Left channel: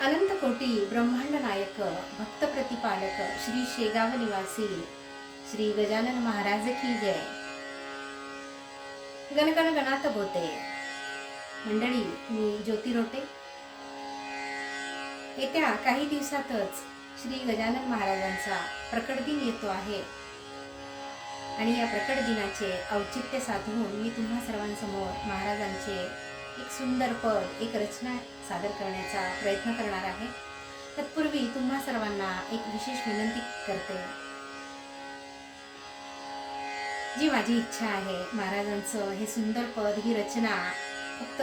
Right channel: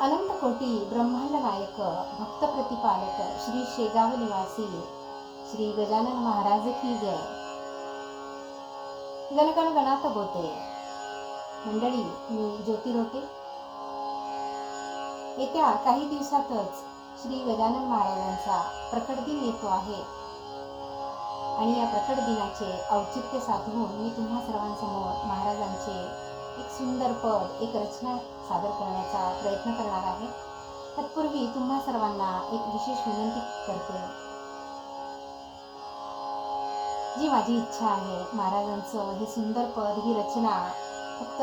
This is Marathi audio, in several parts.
अनंतकोटी ब्रह्मांड नायक भक्त प्रतिपालक श्री शेगाव निवासी श्री गजानन महाराज की जय गणगण गणात बोते मंडळी मी ज्योती रोटे येत्या काही दिवसातच श्री गजानन महाराजांचा प्रकट दिन येतो आहे. आणि या प्रकट दिनाचे औचित्य साधून मी तुम्हा सर्वांसमोर महाराजांचे एक सुंदर पद एक रचना सादर करण्याचा प्रयत्न करणार आहे. तत्पूर्वी तुम्हा सर्वांना एक विशेष विनंती करते. जी माझी इच्छा आहे महाराजांचं हे सुंदर पद ही रचना फक्त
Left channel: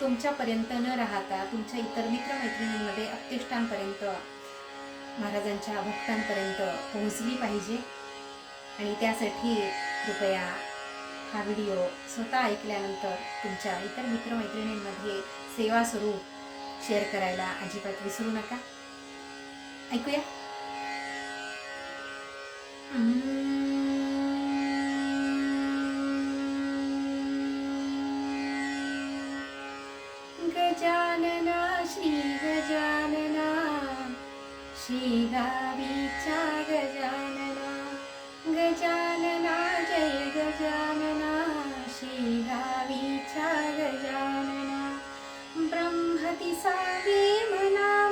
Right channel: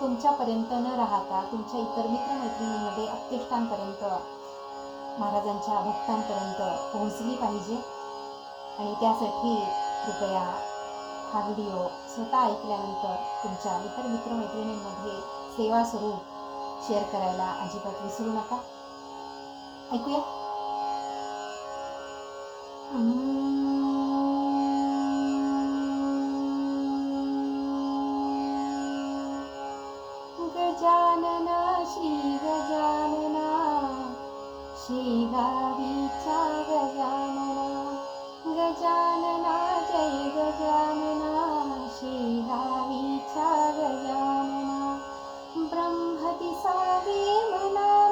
तुमच्यापर्यंत न राहता तुमच्या इतर मित्रमैत्रिणींमध्ये अत्यष्टांपर्यंत महाराजांच्या भक्तांपर्यंत पोहोचली पाहिजे. आणि त्यासाठी कृपया हा व्हिडिओ स्वतः ऐकल्यानंतर तुमच्या इतर मित्रमैत्रिणींमध्ये सेवा स्वरूप शेअर करायला अजिबात विसरू नका. ऐकूया. गजानना श्री गजानना श्री गावी ब्रह्मति सावे मना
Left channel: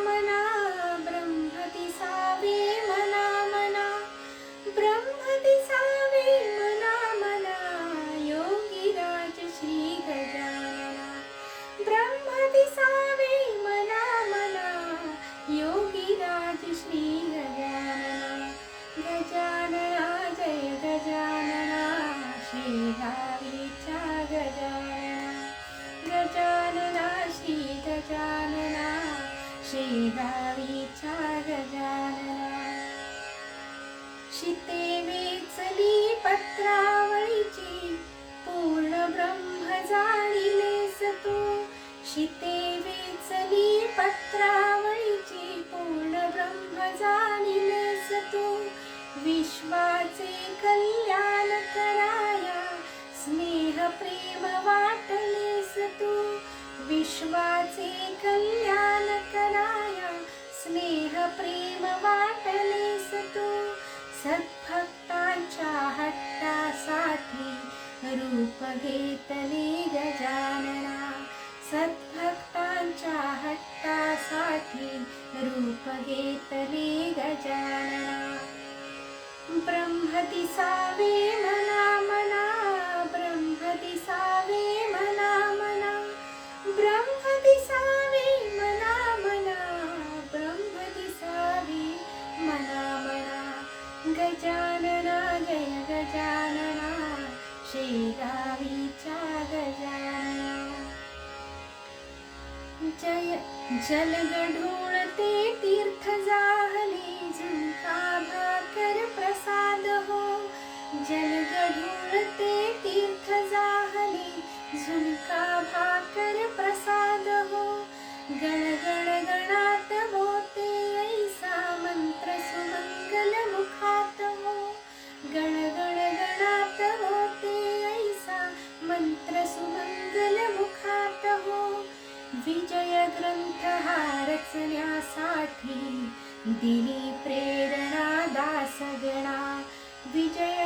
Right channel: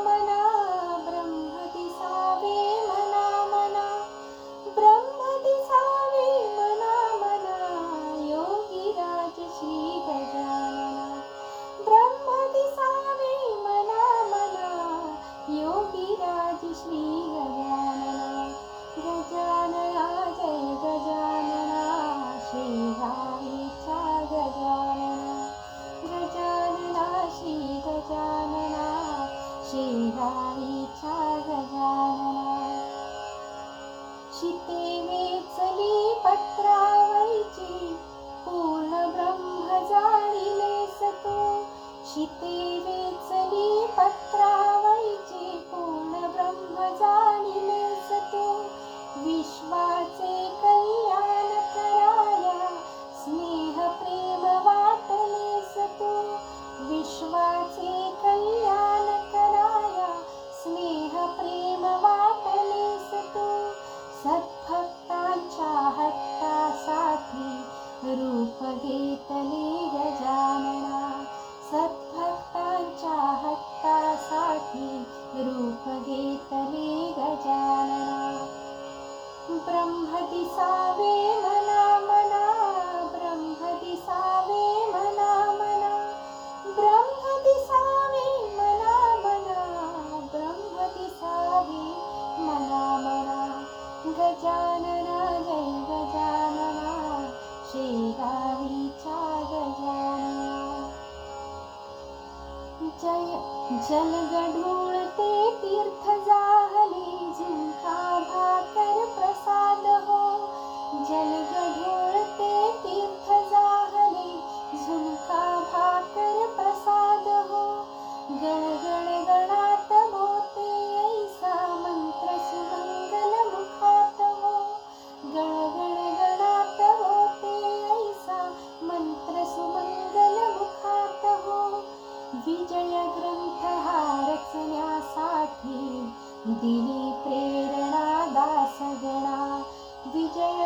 शेगावीचा गजानना शिते वेचली पत्रा प्रेम वाटलेस तू सद्भक्तांच्या हट्टासाठी रूप घेतले गजानना सद्भक्तांच्या हट्टासाठी रूप घेतले गजानना ब्रह्म दिसावे मना मना गजानना जय गजानना शेगावीच्या गजानना जय जलगढूळते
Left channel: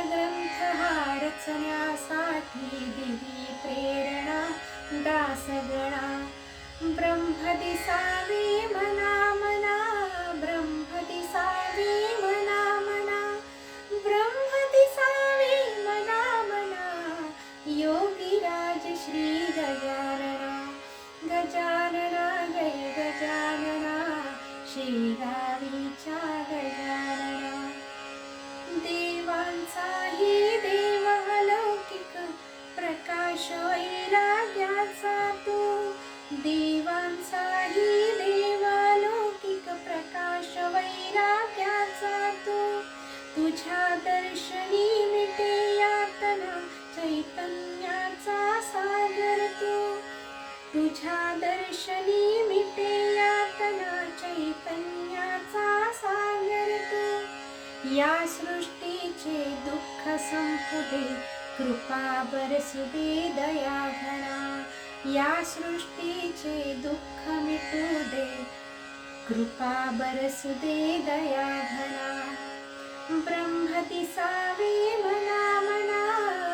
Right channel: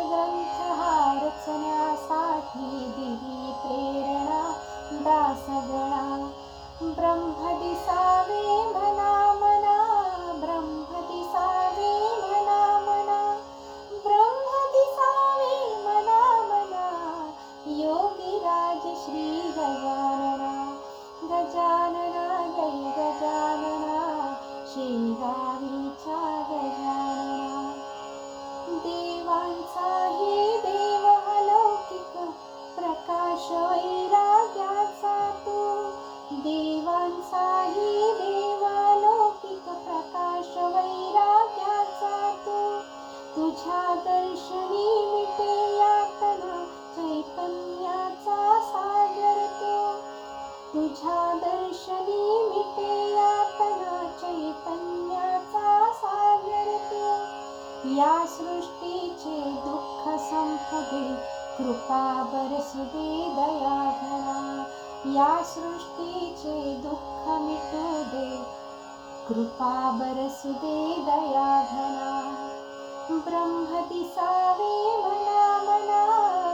ग्रंथ हा रचण्यासाठी दिली प्रेरणा दासगणा. ब्रह्म दिसावे मना मना ब्रह्म दिसावे मना मना ब्रह्म दिसावे मना मना योगीराज श्री गजानना. गजानना गै गजानना श्री दर्शनी मिटे यातना चैतन्याचा सागरते या सृष्टीचे दुःख संपुदे कृपा बरसुदे दया घना या सृष्टीचे दुःख मिटू दे कृपा बरसुदे दया घना ब्रह्म दिसावे मना मना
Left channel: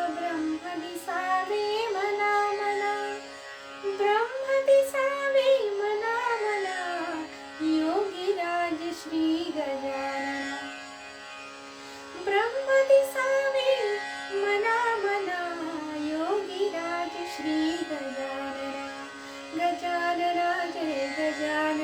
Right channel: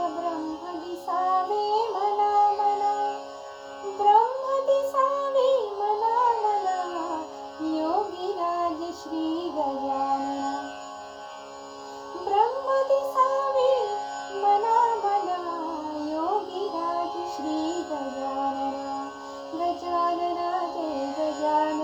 Yeah.